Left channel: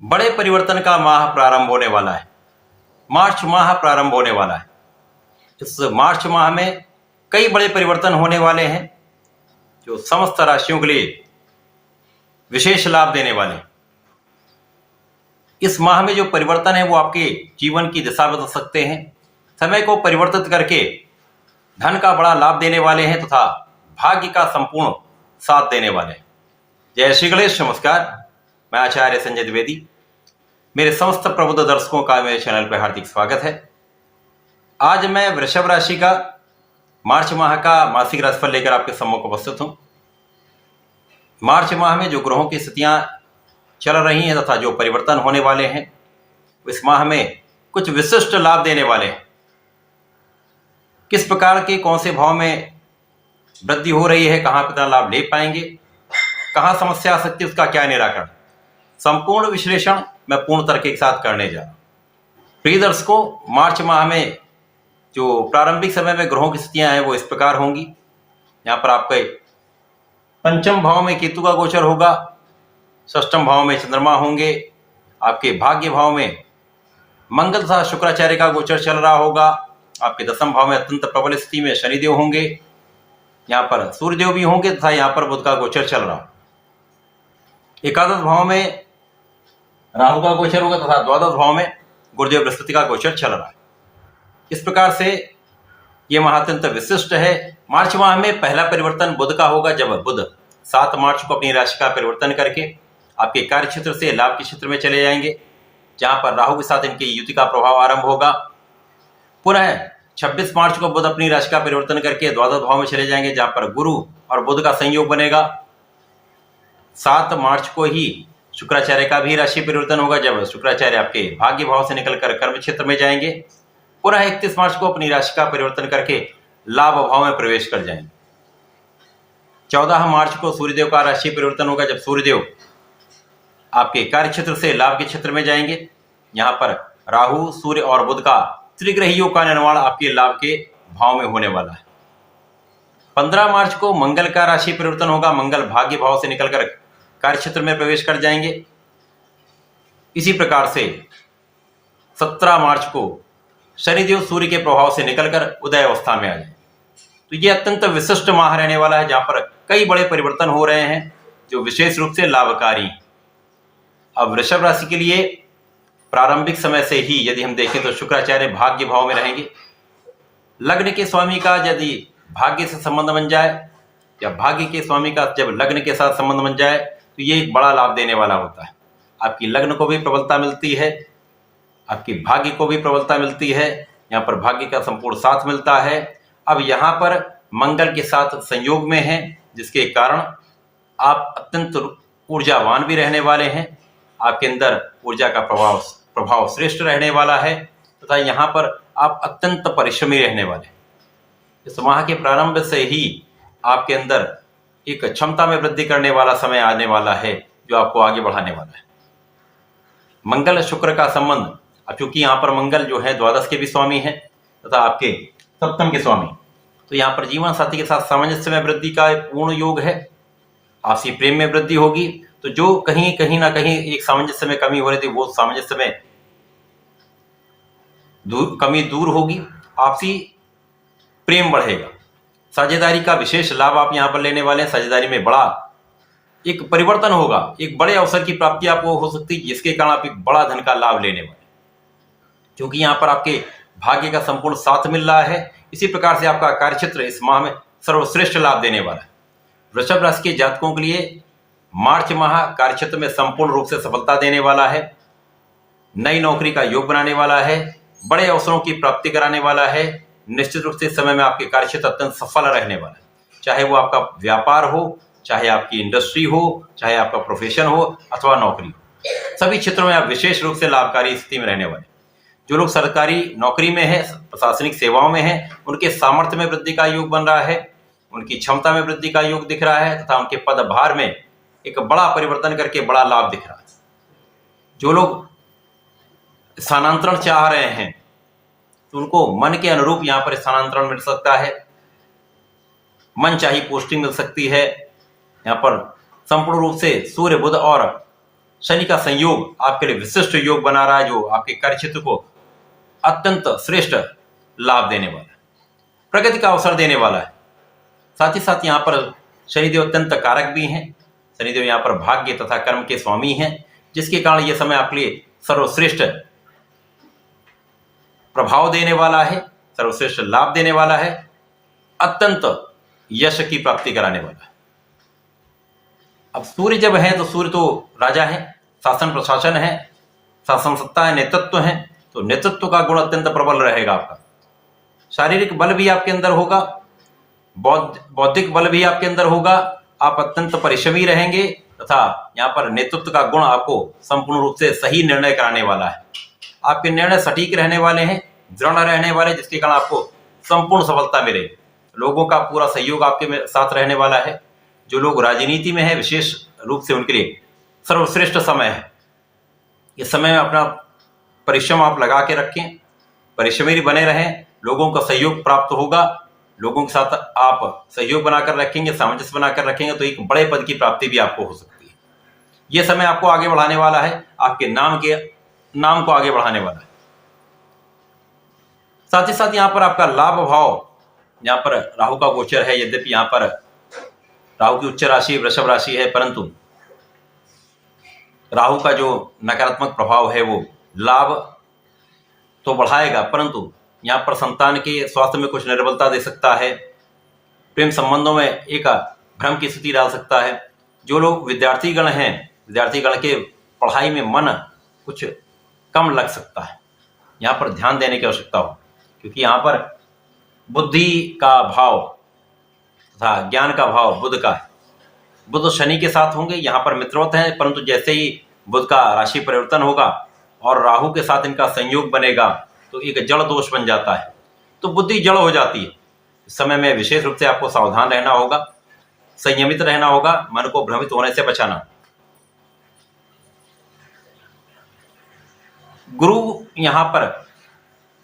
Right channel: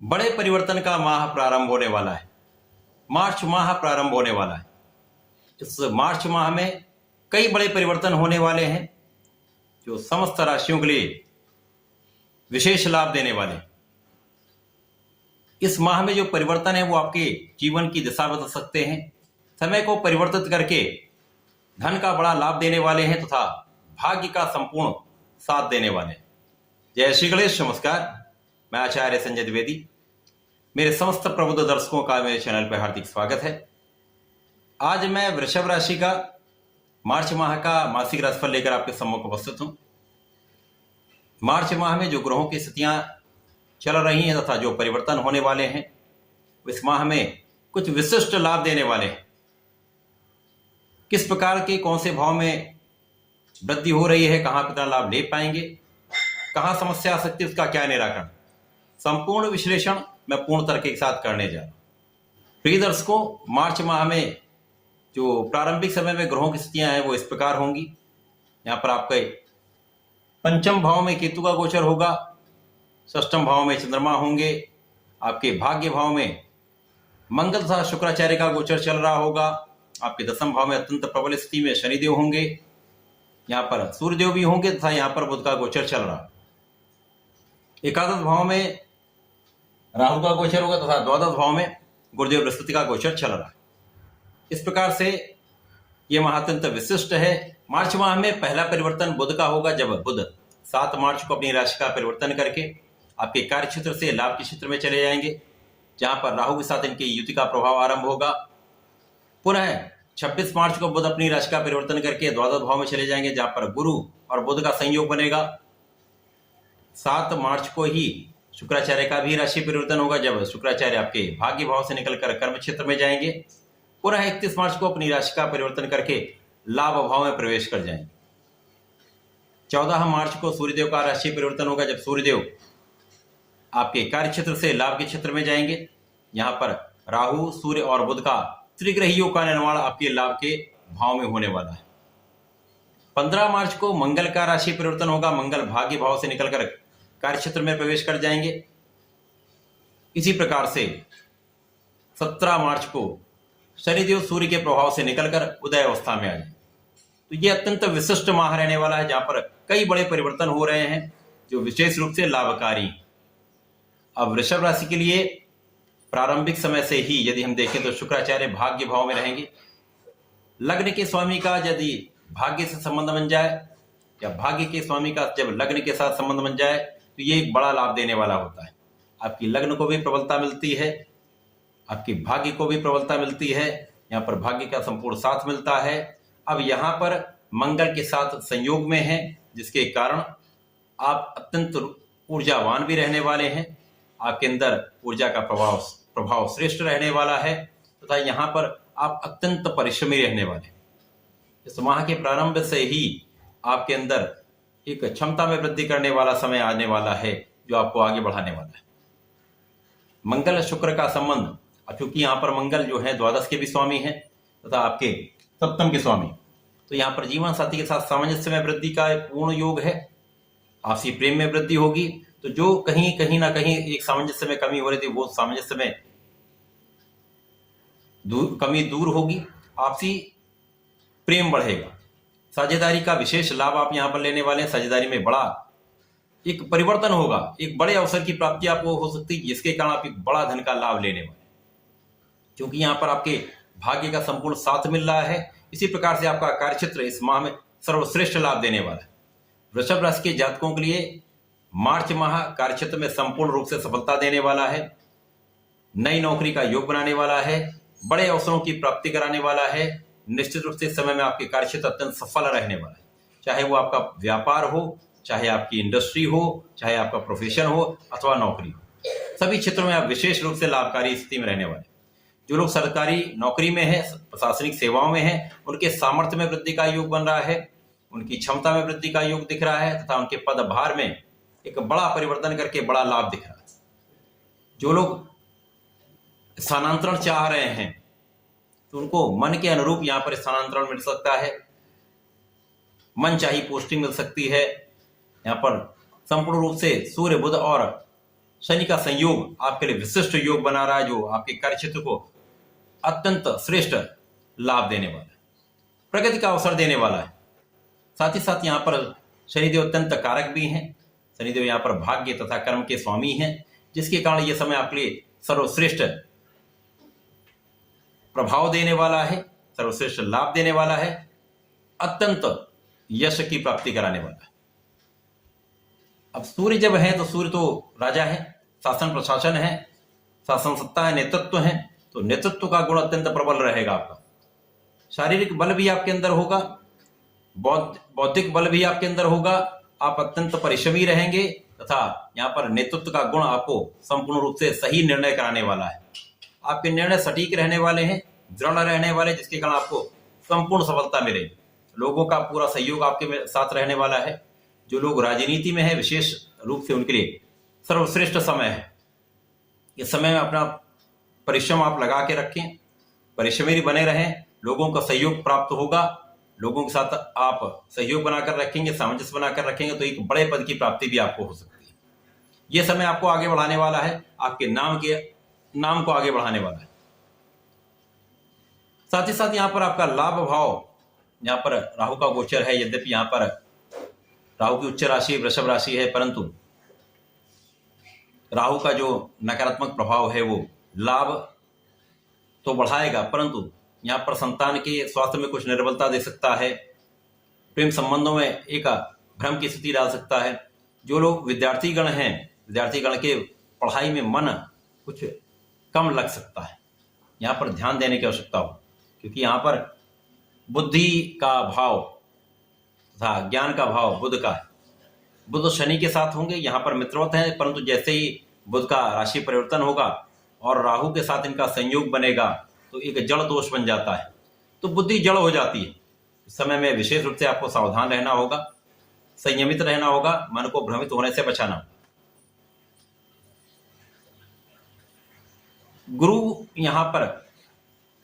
बड़े परिवर्तन का माह प्रारंभ होने वाला है। मार्च माह प्रारंभ होने वाला है। इस मार्च माह में कई बड़े परिवर्तन होने वाले हैं जो समस्त राशियों के लिए विशेष लाभ देने वाले हैं। इस माह में जो परिवर्तन है वो आपके जीवन की दिशा बदल सकते हैं, समय को परिवर्तित करके धन का बड़ा लाभ देने वाले हैं तथा भाग्य का संपूर्ण साथ देने वाले हैं। जय श्री गणेश। नमस्कार, मैं आचार्य संजय द्विवेदी। मेरे समस्त प्रबुद्ध दर्शकों का मेरे चैनल पर हार्दिक स्वागत है। आज मैं वृषभ राशि का मार्च माह का मासिक राशिफल लेकर आपके सम्मुख उपस्थित हूं। मार्च माह में जो ग्रहों की स्थितियां चल रही हैं तथा जो परिवर्तन होने वाले हैं इस माह में कुछ विशिष्ट लाभ देने वाले हैं। किस प्रकार के कौन से भाव में वृद्धि हो रही है, कहां कितना लाभ ले पाएंगे, कहां समस्या आ सकती है, उसका क्या निराकरण, संपूर्ण विश्लेषण मैं पूर्ण तर्क के साथ करने जा रहा हूं। प्रिय दर्शकों, मार्च माह में जो प्रारंभिक समय में ग्रहों की स्थितियां हैं वो इस प्रकार होंगी। यहां पर आपके पंचम भाव में केतु का गोचर होगा, षष्ठम भाव में चंद्रमा होंगे, आपके भाग्य भाव में मंगल तथा शुक्राचार्य का गोचर चल रहा होगा, आपके दसम भाव में अत्यंत प्रबल स्थिति में शनिदेव होंगे, यहाँ पर सूर्यदेव भी होंगे तथा यहाँ पर बुध का गोचर चल रहा। एकादश भाव में राहु का गोचर होगा तथा द्वादश भाव में गुरुदेव बृहस्पति का गोचर चल रहा है। इस प्रकार से यह माह अत्यंत विशिष्ट है। मार्च माह में पहला परिवर्तन बुध का होगा, जब बुध 7 मार्च को अपनी राशि का परिवर्तन करके आपके कार्य क्षेत्र से लाभ के क्षेत्र में चले जाएंगे, जहां पर राहु के साथ इनकी युति का प्रभाव आरंभ होगा। पुनः 26 मार्च को बुध अपनी राशि का परिवर्तन करके द्वादश भाव में चले जाएंगे, जहां पर गुरु और बुध का संयोग बनेगा। 7 मार्च को ही शुक्राचार्य का भी राशि परिवर्तन होगा, जब शुक्राचार्य आपके भाग्य भाव से निकलकर कर्म क्षेत्र में जाएंगे। पुनः 31 मार्च को अपनी राशि का परिवर्तन करके लाभ भाव में प्रवेश कर जाएंगे। 14 मार्च को सूर्यदेव का राशि परिवर्तन होगा, जब सूर्यदेव आपके कार्य क्षेत्र से लाभ के क्षेत्र में जाएंगे। यहां पर राहु, सूर्य और बुध का त्रिग्रही योग का निर्माण आपके लाभ के भाव में होने वाला है। 15 मार्च को मंगल का राशि परिवर्तन होगा, मंगल भाग्य भाव से निकलकर कार्य क्षेत्र में प्रवेश कर जाएंगे। इसी प्रकार से 17 मार्च को शनिदेव सूर्य के प्रभाव से निकलकर उदय अवस्था में आ जाए। तो यह अत्यंत विशिष्ट माह रहने वाला है, जहां पर कई बड़े परिवर्तन हो रहे हैं जो विशेष रूप से लाभकारी। अब वृषभ राशि के लिए प्रारंभिक समय से ही यदि हम देखें तो शुक्राचार्य भाग्य भाव में रहेंगे। लग्न के स्वामी का यदि भाग्य से संबंध बन जाए या भाग्य के स्वामी का जब लग्न के साथ संबंध बन जाए तो ये एक बड़ा लाभ देने वाला होता है। आपकी लग्न को भी प्रबलता मिलती है, आपकी भाग्य को भी प्रबलता मिलती है, यहाँ पर भाग्य का संपूर्ण साथ मिलता है। अब यहाँ पर मंगल के साथ संयोग में है, जिसके कारण आप अत्यंत ऊर्जावान भी रहने वाले हैं। आपके अंदर ऊर्जा का प्रभाव श्रेष्ठ रहने वाला है तथा यहाँ पर आप अत्यंत परिश्रमी रहने वाले हैं। इस माह के प्रारंभ से ही आपके अंदर एक क्षमता में वृद्धि करने वाला समय आने वाला है जो आपको आगे बढ़ाने वाला है। मंगल शुक्र का संबंध, अब चूंकि यहाँ पर मंगल जो है द्वादश के भी स्वामी है तथा आपके सप्तम के स्वामी, तो यहाँ पर जीवन साथी के साथ सामंजस्य में वृद्धि का पूर्ण योग है। आपसी प्रेम में वृद्धि होगी, तो जो कहीं ना कहीं एक सामंजस्य में कमी हो रही थी वो सामंजस्य में कमी दूर होगी। आपसी प्रेम बढ़ेगा। साझेदारी का विशेष लाभ आप यहाँ पर लेने वाले हैं। साझेदारी में बड़ा एक परिवर्तन होगा, एक बड़े अवसर की प्राप्ति आपको हो सकती है, जिसके कारण आप एक बड़ा धन का लाभ लेने वाले, क्योंकि यहाँ पर आपके भाग्य का संपूर्ण साथ मिल रहा है। इसी प्रकार से आपका कार्यक्षेत्र इस माह में सर्वश्रेष्ठ लाभ देने वाला है। वृषभ राशि के जातकों के लिए मार्च माह कार्यक्षेत्र में संपूर्ण रूप से सफलता देने वाला है। नई नौकरी का योग बनाने वाला है, बड़े अवसरों की प्राप्ति कराने वाला है। निश्चित रूप से इस समय में आपके कार्यक्षेत्र अत्यंत सफल रहने वाला है, चाहे वो आपका व्यापार हो, चाहे आपकी इंडस्ट्री हो, चाहे आपका प्रोफेशन हो अथवा नौकरी हो। सभी क्षेत्रों में आप विशेष रूप से लाभकारी स्थिति में रहने वाले। जो लोग सरकारी नौकरी में है, प्रशासनिक सेवाओं में है, उनके सामर्थ्य में वृद्धि का योग बन रहा है, उनकी क्षमता में वृद्धि का योग दिख रहा है तथा उनके पदभार में एक बड़ा परिवर्तन करके बड़ा लाभ दिख रहा है। जो लोग स्थानांतरण चाह रहे हैं तो उनको मन के अनुरूप यहाँ पर स्थानांतरण मिल सकता है, मन चाही पोस्टिंग मिल सकती है। यहाँ पर संपूर्ण रूप से सूर्य, बुध और शनि का संयोग आपके लिए विशिष्ट योग बना रहा है, जो आपके कार्य क्षेत्र को अत्यंत श्रेष्ठ लाभ देने वाला है, प्रगति का अवसर देने वाला है। साथ ही साथ यहाँ पर शनिदेव अत्यंत कारक भी हैं। शनिदेव यहाँ पर भाग्य तथा कर्म के स्वामी हैं, जिसके कारण यह समय आपके लिए सर्वश्रेष्ठ प्रभाव देने वाला है, सर्वश्रेष्ठ लाभ देने वाला है, अत्यंत यश की प्राप्ति कराने वाला है। अब सूर्य जब है तो सूर्य तो राजा है, शासन प्रशासन है, शासन सत्ता है, नेतृत्व है, तो नेतृत्व का गुण अत्यंत प्रबल रहेगा आपका। शारीरिक बल भी आपके अंदर होगा, बौद्धिक बल भी आपके अंदर होगा, आप अत्यंत परिश्रमी रहेंगे तथा यहाँ पर नेतृत्व का गुण आपको संपूर्ण रूप से सही निर्णय कराने वाला है। आपके निर्णय सटीक रहने वाले हैं, दृढ़ रहने वाले, जिसके कारण आपको संपूर्ण सफलता मिले। लोगों का पूरा सहयोग आपके साथ रहने वाला है। जो लोग राजनीति में है विशेष रूप से उनके लिए सर्वश्रेष्ठ समय है। इस समय में अपना परिश्रम आप लगा के रखें, परिश्रमी बने रहें, लोगों का सहयोग प्राप्त होगा। लोगों के साथ आप सहयोग बनाकर रखेंगे, सामंजस्य बनाकर रखेंगे तो एक बड़े पद की प्राप्ति भी आपको हो सकती है। यह समय आपको आगे बढ़ाने वाला है, आपके नाम को आगे बढ़ाने वाला है। साथ ही साथ यहाँ पर आपका लाभ भाव, यहाँ पर राहु का गोचर है। यद्यपि यहाँ पर राहु की उच्च राशि वृषभ राशि है, परंतु राहु का जो नकारात्मक प्रभाव है वो लाभ तो बढ़ाएगा, परंतु यहाँ पर संतान के स्वास्थ्य में कुछ निर्बलता दे सकता है, प्रेम संबंधों में एक भ्रम की स्थिति डाल सकता है। जो लोग विद्यार्थीगण हैं, विद्यार्थीगण के पढ़ाई में मन कुछ कम लग सकता है, यहाँ पर ध्यान देने की आवश्यकता हो, क्योंकि यहाँ पर बुद्धि का भाव तथा ज्ञान का भाव बुध का है। बुध शनि के साथ होंगे, यहाँ पर मित्रवत हैं, परंतु जैसे ही बुध का राशि परिवर्तन होगा और राहु के साथ इनका संयोग बनेगा तो एक जड़ दोष बन जाता है, तो बुद्धि जड़ हो जाती है। इस समय में विशेष रूप से आपको सावधान रहना होगा, संयमित रहना होगा, मन को भ्रमित होने से बचाना। गुरु यहाँ पर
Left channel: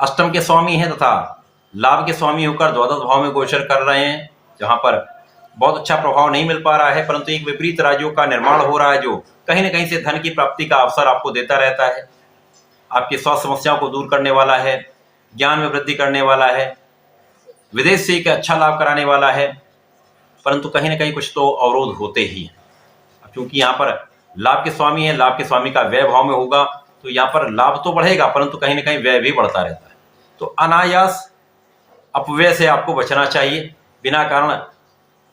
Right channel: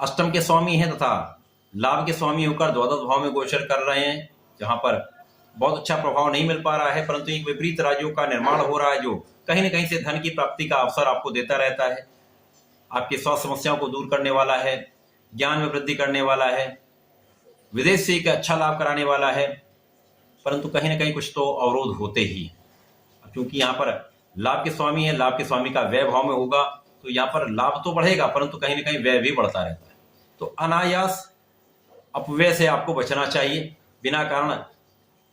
अष्टम के स्वामी हैं तथा लाभ के स्वामी होकर द्वादश भाव में गोचर कर रहे हैं, जहां पर बहुत अच्छा प्रभाव नहीं मिल पा रहा है, परंतु एक विपरीत राज्यों का निर्माण हो रहा है, जो कहीं न कहीं से धन की प्राप्ति का अवसर आपको देता रहता है। आपकी स्वास्थ्य समस्याओं को दूर करने वाला है, ज्ञान में वृद्धि करने वाला है, विदेश से एक अच्छा लाभ कराने वाला है, परंतु कहीं न कहीं कुछ तो अवरोध होते ही हैं। क्योंकि यहाँ पर लाभ के स्वामी है, लाभ के स्वामी का व्यय भाव में होगा, तो यहाँ पर लाभ तो बढ़ेगा, परंतु कहीं न कहीं व्यय भी बढ़ता रहता है। तो अनायास अपव्यय से आपको बचना चाहिए, बिना कारण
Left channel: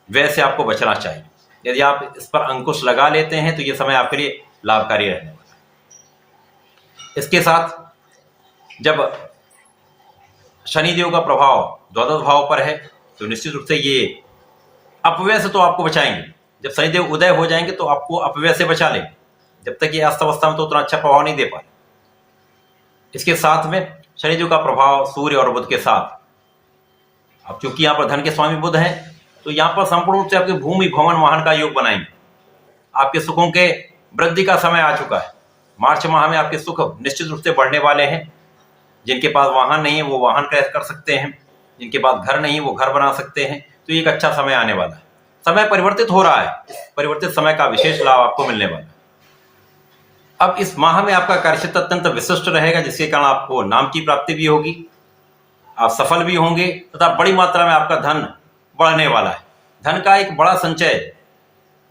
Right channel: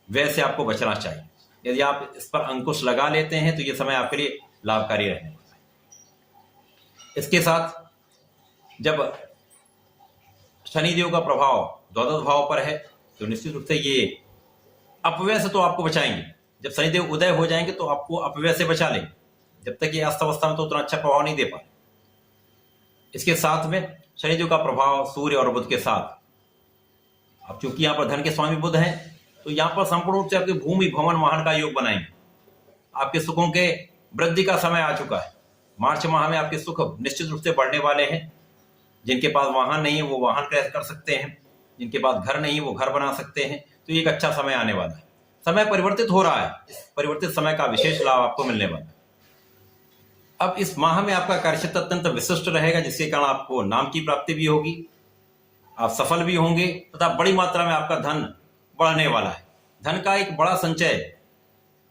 व्यय से आपको बचना चाहिए। यदि आप इस पर अंकुश लगा लेते हैं तो ये समय आपके लिए लाभकारी रहने वाला है। इसके साथ जब शनिदेव का प्रभाव द्वादश भाव पर है तो निश्चित रूप से ये अपव्यय से तो आपको बचाएंगे। जब शनिदेव उदय हो जाएंगे तो आपको अपव्यय से बचा लेंगे, जब तक ये अस्त अवस्था में तो उतना अच्छा प्रभाव नहीं दे पाए। इसके साथ में शनिदेव का प्रभाव सूर्य और बुध के साथ, अब चूंकि यहाँ पर धन के स्वामी बुध हैं तो यहाँ पर संपूर्ण रूप से आपके भूमि भवन वाहन का योग बनाएंगे। आपके सुखों के वृद्धि का समय आ चुका है। मार्च माह में आपके सुख निश्चित रूप से बढ़ने वाले हैं। जिनके पास वाहन नहीं है वो वाहन क्रय कर सकते हैं, जिनके पास घर नहीं है वो घर बना सकते हैं। तो एक अच्छा समय आने वाला है। समय परिवर्तित हो रहा है, परिवर्तित समय का विशेष लाभ आपको मिलने वाला है। अब इस माह में आपका कार्यक्षेत्र अत्यंत विशिष्ट रहेगा, जिसके कारण आपको नाम की प्राप्ति भी होगी, आप सफल भी होंगे तथा बड़ी मात्रा में आपका धन बढ़ने वाला है। धन का एक बड़ा संचय,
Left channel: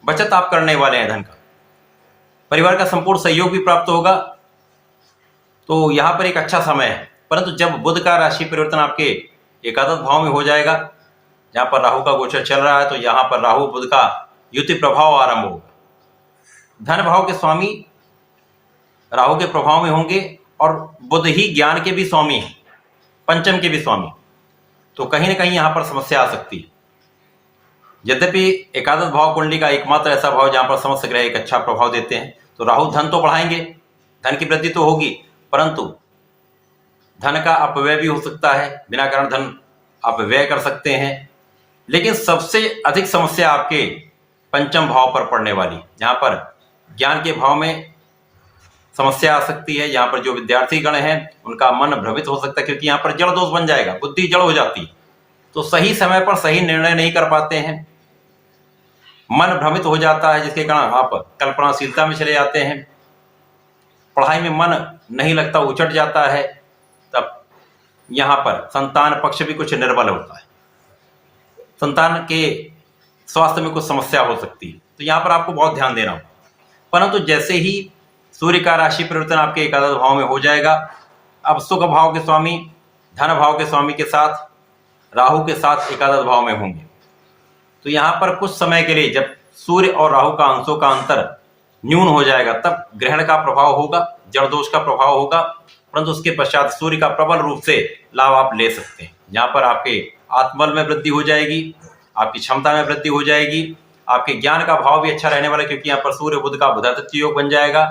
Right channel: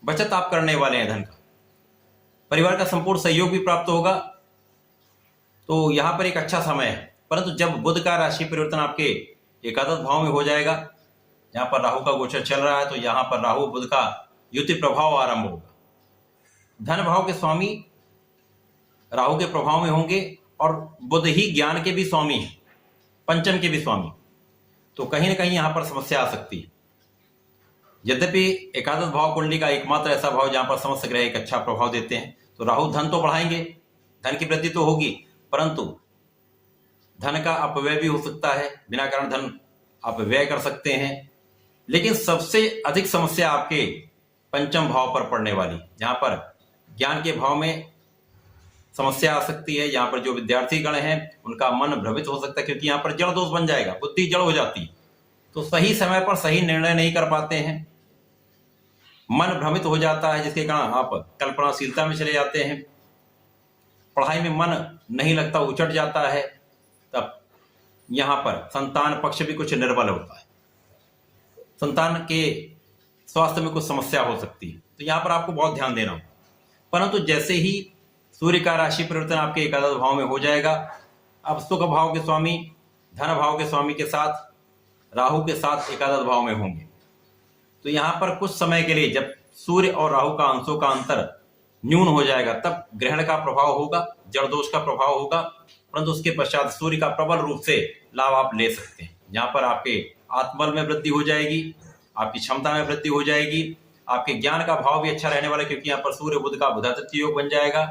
बचत आप करने वाले हैं धन का। परिवार का संपूर्ण सहयोग भी प्राप्त होगा, तो यहाँ पर एक अच्छा समय है। परंतु जब बुध का राशि परिवर्तन आपके एकादश भाव में हो जाएगा, जहाँ पर राहु का गोचर चल रहा है, तो यहाँ पर राहु बुध का युति प्रभाव आरंभ होगा। धन भाव के स्वामी राहु के प्रभाव में होंगे और बुध ही ज्ञान के भी स्वामी हैं, पंचम के भी स्वामी, तो कहीं ना कहीं यहाँ पर समस्या आ सकती है। यद्यपि एकादश भाव कुंडली का एकमात्र ऐसा भाव जहाँ पर समस्त ग्रह एक अच्छा प्रभाव देते हैं, तो राहु धन तो बढ़ाएंगे, धन की वृद्धि तो होगी, परंतु धन का अपव्यय भी हो सकता है, बिना कारण धन आप व्यय कर सकते हैं। लेकिन सबसे अधिक समस्या आपके पंचम भाव पर पड़ने वाली, जहाँ पर ज्ञान के भाव में समस्या आ सकती है। यहाँ पर जो विद्यार्थी गण हैं उनका मन भ्रमित हो सकता है, क्योंकि यहाँ पर जड़ दोष बन जाएगा, बुद्धि जड़ हो जाती है, तो सही समय पर सही निर्णय नहीं कर पाते हैं, मन भ्रमित हो जाता है, जिसके कारण आप कल्पनाशीलता में चले जाते हैं, पढ़ाई में मन नहीं लगता, उचट जाता है, तब यहाँ पर संतान पक्ष भी कुछ निर्बल होता है, संतान के स्वास्थ्य में कुछ समस्या हो सकती है, तो यहाँ पर आपको बहुत ध्यान देना होगा। परंतु जैसे ही सूर्य का राशि परिवर्तन आपके एकादश भाव में हो जाएगा, अब सुख भाव के स्वामी, धन भाव के स्वामी के साथ राहु के साथ एकादश भाव में होंगे, तो यहाँ पर कुछ समय के लिए जब सूर्य और राहु का अंशों का अंतर न्यून हो जाएगा, तब ग्रहण का प्रभाव होगा, जड़ दोष का प्रभाव होगा, परंतु उसके पश्चात सूर्य का प्रबल रूप से लाभ आप ले सकते हैं। यहाँ पर आपके आत्मबल में वृद्धि हो जाएगी, आपकी क्षमता में वृद्धि हो जाएगी, आपके ज्ञान का भाव भी अच्छा रहने वाला है, क्योंकि यहाँ पर सूर्य बुध का बुधादित्य योग बन जाएगा।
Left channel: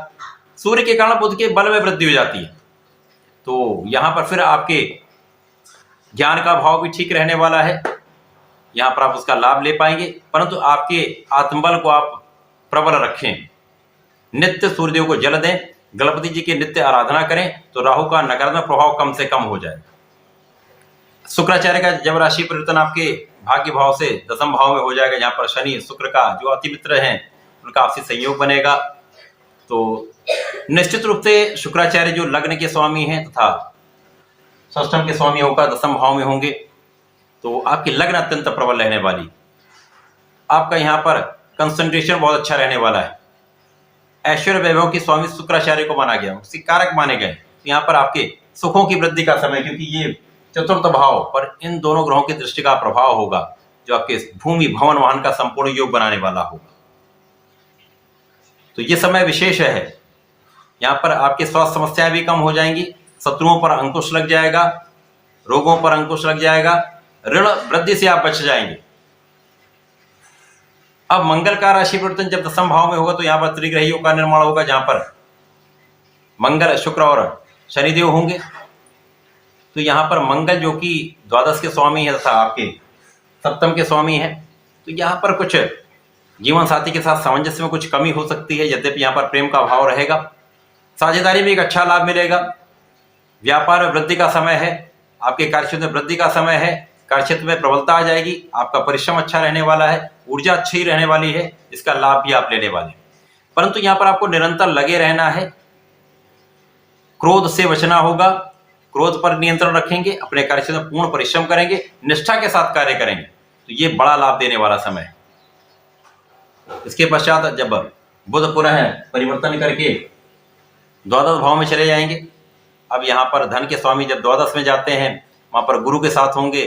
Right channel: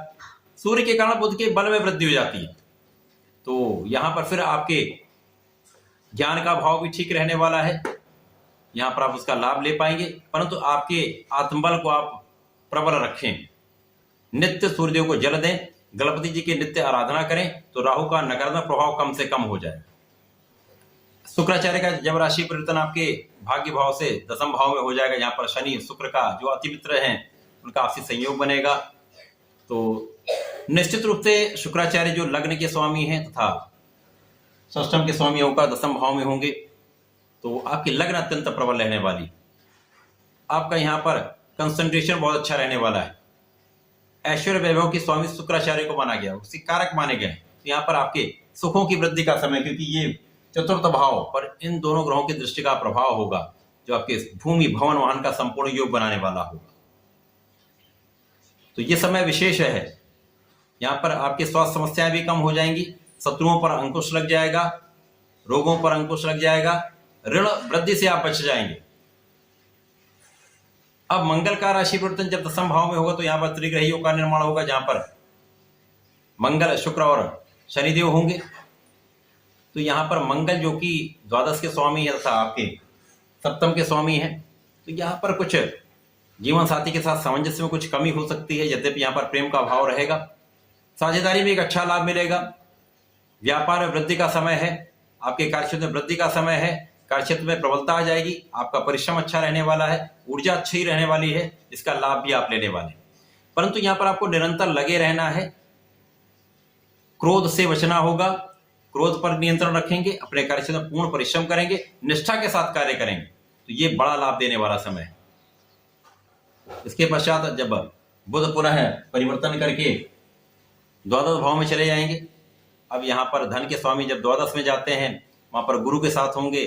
सूर्य के कारण बुध के बल में वृद्धि हो जाती है, तो यहाँ पर फिर आपके ज्ञान का भाव भी ठीक रहने वाला है, यहाँ पर आप उसका लाभ ले पाएंगे। परंतु आपके आत्मबल को आप प्रबल रखें, नित्य सूर्यदेव को जल दें, गणपति जी की नित्य आराधना करें, तो राहु का नकारात्मक प्रभाव कम से कम हो जाएगा। शुक्राचार्य का जब राशि परिवर्तन आपके भाग्य भाव से दसम भाव में हो जाएगा, जहाँ पर शनि शुक्र का जो अति मित्र हैं उनका आपसी संयोग बनेगा, तो निश्चित रूप से शुक्राचार्य जो लग्न के स्वामी हैं तथा षष्ठम के स्वामी होकर दसम भाव में होंगे, तो आपकी लग्न अत्यंत प्रबल रहने वाली, आपका यहाँ पर कंसंट्रेशन बहुत अच्छा रहने वाला है। ऐश्वर्य वैभव की स्वामी शुक्राचार्य को माना गया, उसके कारक माने गए, तो यहाँ पर आपके सुखों की वृद्धि का समय, क्योंकि ये चतुर्थ भाव पर इन दोनों ग्रहों की दृष्टि का प्रभाव होगा, जो आपके भूमि भवन वाहन का संपूर्ण योग बनाने वाला होगा। तो ये समय विशेष है, यहाँ पर आपके स्वास्थ्य समस्याएं भी कम हो जाएंगी, शत्रुओं पर अंकुश लग जाएगा, रोगों पर अंकुश लग जाएगा, ऋण वृद्धि से आप बच जाएंगे। अब मंगल का राशि परिवर्तन जब दसम भाव में होगा, तो यहाँ पर त्रिग्रही योग का निर्माण होगा, जहां पर मंगल, शुक्र और शनिदेव होंगे। तो यहाँ पर मंगल जो कि द्वादश के स्वामी है तथा आपके सप्तम के स्वामी है, तो यहाँ पर कुछ जीवन साथी के साथ सामंजस्य में कुछ कमी हो सकती है, यद्यपि यहाँ पर प्रेम का भाव रहेगा, साझेदारी में एक अच्छा लाभ मिलेगा, व्यापार में वृद्धि का समय है, आपके कार्यक्षेत्र में वृद्धि का समय है, कार्यक्षेत्र में प्रबलता आ जाएगी, आपका परिश्रम अच्छा रहने वाला है, ऊर्जा अच्छी रहने वाली है, इसका लाभ भी आप लेने वाले हैं। परंतु यहाँ पर आपको निरंतर लगे रहना है, क्रोध से बचना होगा, क्रोध पर नियंत्रण रखेंगे, अपने कार्यक्षेत्र में पूर्ण परिश्रम करेंगे, निष्ठा के साथ कार्य करेंगे, तो ये बड़ा लाभ देने वाला समय है। इसके पश्चात जब बुध पुनः परिवर्तन करके द्वादश भाव में चले जाएंगे, अब यहाँ पर धन के स्वामी जब द्वादश में जाते हैं, वहां पर गुरु के साथ होंगे,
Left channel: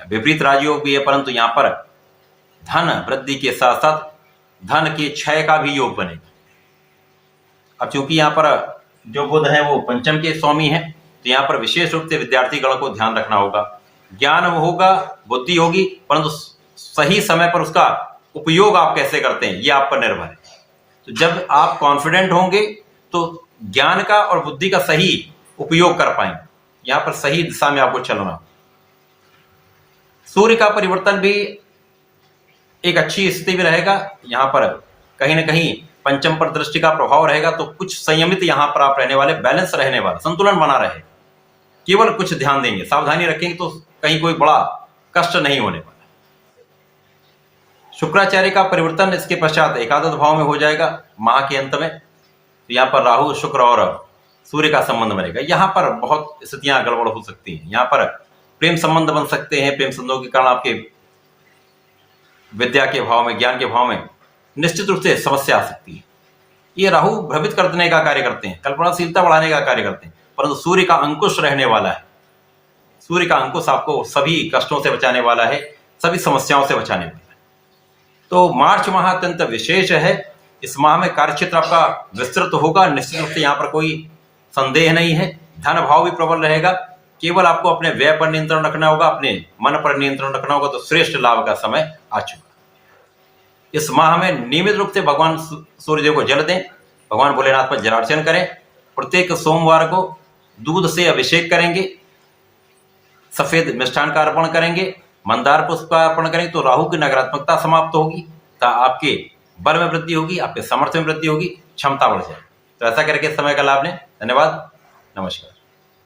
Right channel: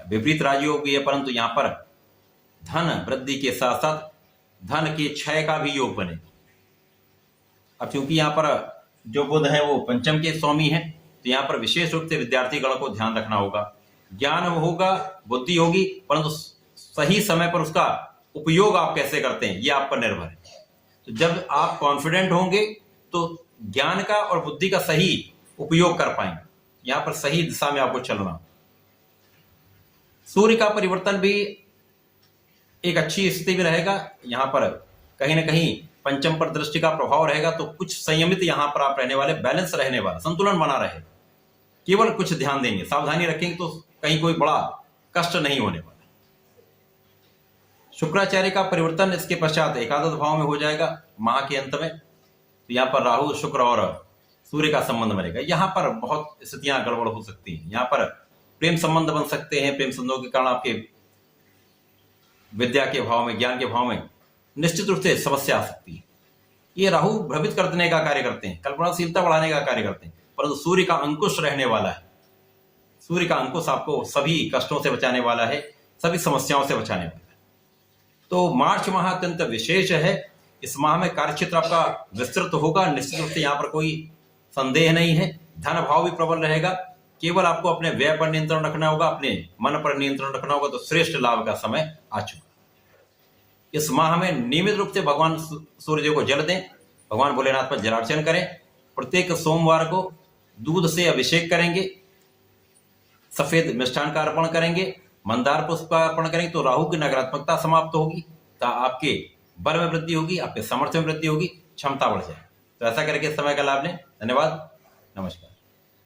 विपरीत राजयोग भी है, परंतु यहाँ पर धन वृद्धि के साथ साथ धन के क्षय का भी योग बनेगा। अब चूंकि यहाँ पर जो बुध है वो पंचम के स्वामी है, तो यहाँ पर विशेष रूप से विद्यार्थी गण को ध्यान रखना होगा, ज्ञान होगा, बुद्धि होगी, परंतु सही समय पर उसका उपयोग आप कैसे करते हैं ये आप पर निर्भर है। तो जब आप कॉन्फिडेंट होंगे तो ज्ञान का और बुद्धि का सही उपयोग कर पाएंगे, यहाँ पर सही दिशा में आपको चलना। सूर्य का परिवर्तन भी एक अच्छी स्थिति में रहेगा, यहाँ पर कहीं ना कहीं पंचम पर दृष्टि का प्रभाव रहेगा, तो कुछ संयमित यहाँ पर आप रहने वाले, बैलेंस रहने वाला, संतुलन बना रहे, केवल कुछ ध्यान देंगे, सावधानी रखेंगे तो कहीं कोई बड़ा कष्ट नहीं होने वाला। शुक्राचार्य का परिवर्तन इसके पश्चात एकादश भाव में हो जाएगा माह के अंत में, तो यहाँ पर राहु, शुक्र और सूर्य का संबंध बनेगा। यहाँ पर बहुत स्थितियां गड़बड़ हो सकती हैं, यहाँ पर प्रेम संबंध बन सकते हैं, प्रेम संबंधों के कारण आपके विद्या के भाव में, ज्ञान के भाव में निश्चित रूप से समस्या आ सकती है। ये राहु भ्रमित कर देने का कार्य करते हैं, कल्पनाशीलता बढ़ाने का कार्य करते हैं, परंतु सूर्य का अंकुश रहने वाला है, सूर्य का अंकुश आपको सभी कष्टों से बचाने वाला है, सभी समस्याओं से बचाने वाला है। तो मार्च माह अत्यंत विशेष है, इस माह में कार्यक्षेत्र आपका विस्तृत होगा, निश्चित रूप से यहाँ पर कोई संदेह नहीं है, धन भाव भी प्रबल रहेगा, केवल आपको अपने व्यय पर नियंत्रण रखना होगा, अपने मन पर नियंत्रण रखना होगा, तो श्रेष्ठ लाभ का समय आ चुका। इस माह में नियमित रूप से भगवान सूर्यदेव को जल दें, भगवान भोलेनाथ पर जलार्चन करें, प्रत्येक सोमवार को दूध से अभिषेक करेंगे, सफेद मिष्ठान का अर्पण करेंगे, मंदार पुष्प का अर्पण करेंगे, तो राहु की नकारात्मकता समाप्त होगी, तो आपके बल में वृद्धि होगी, आपके सामर्थ्य में वृद्धि होगी, क्षमता बढ़ जाएगी। तो ऐसा करके समय का लाभ लें। धन्यवाद, नमस्कार।